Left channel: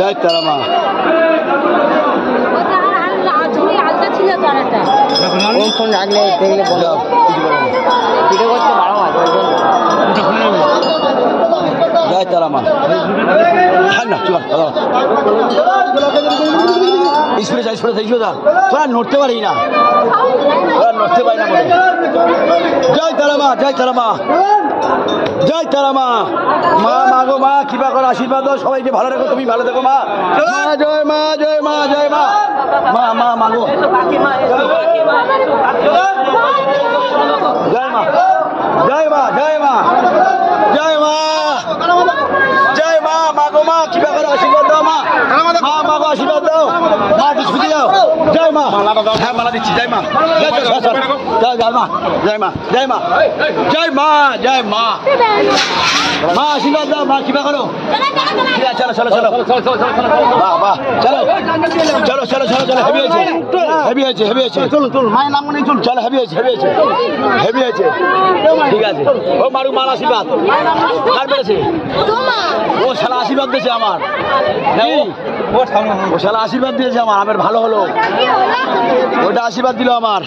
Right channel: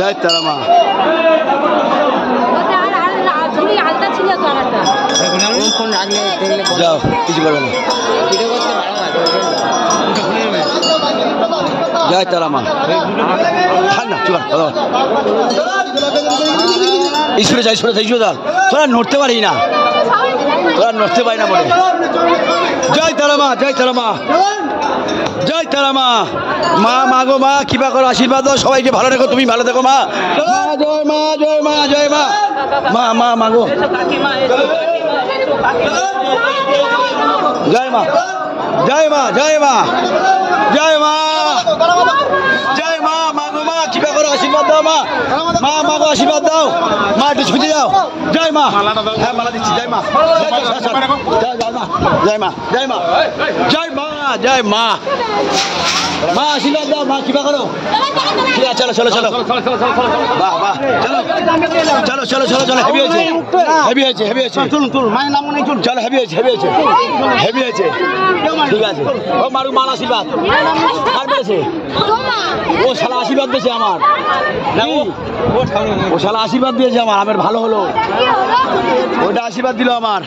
জয় তারা মা। ফোন রাখলে দেখলে বলো, কিছু বলো না। ভিডিও করতে পারো না ওই জন্য। জয় তারা মা। খান না চল স্কুলে যাই স্কুলে যা তোরা নড়তে পারি না, তোরা নড়তে পারি না বলে। জয় তারা মা, জয় তারা মা, জয় তারা মা। মা মা গো মা, কৃপা করো, আশীর্বাদ দাও, সবাইকে ভালো রাখো, তুমি ভালো থেকো মা। জয় মা, জয় মা, জয় মা। মা মা মা গো জয় মা, জয় মা, জয় মা, জয় মা, জয় মা। মা গো মা, কৃপা করো, আশীর্বাদ দাও মা। মা মা গো আশীর্বাদ দাও মা, একটু ছুটে যাও। জয় মা। হ্যাঁ মালা দিচ্ছি। জয় মা, জয় মা, জয় মা, জয় মা, জয় মা, জয় মা। মা আশীর্বাদ দাও মা, কৃপা করো। ঠিক আছে চলো চলো চলো বাহ বাহ, চলো চলো চলো চলো চলো। হেভি হয়েছে, হেভি হয়েছে, হেভি হয়েছে। চলুন চলুন, মায়ের নাম মনে চলুন। চলো হেভি হয়েছে, হেভি হয়েছে, হেভি হয়েছে। ঠিক আছে ও মারু, মার আশীর্বাদ কার পেয়েছে? ও শালা আশীর্বাদ দিয়েছে আমার, ও শালা আশীর্বাদ দিয়েছে আমার, আমার ভালো হলো, ওটা আশীর্বাদ দিল আমার।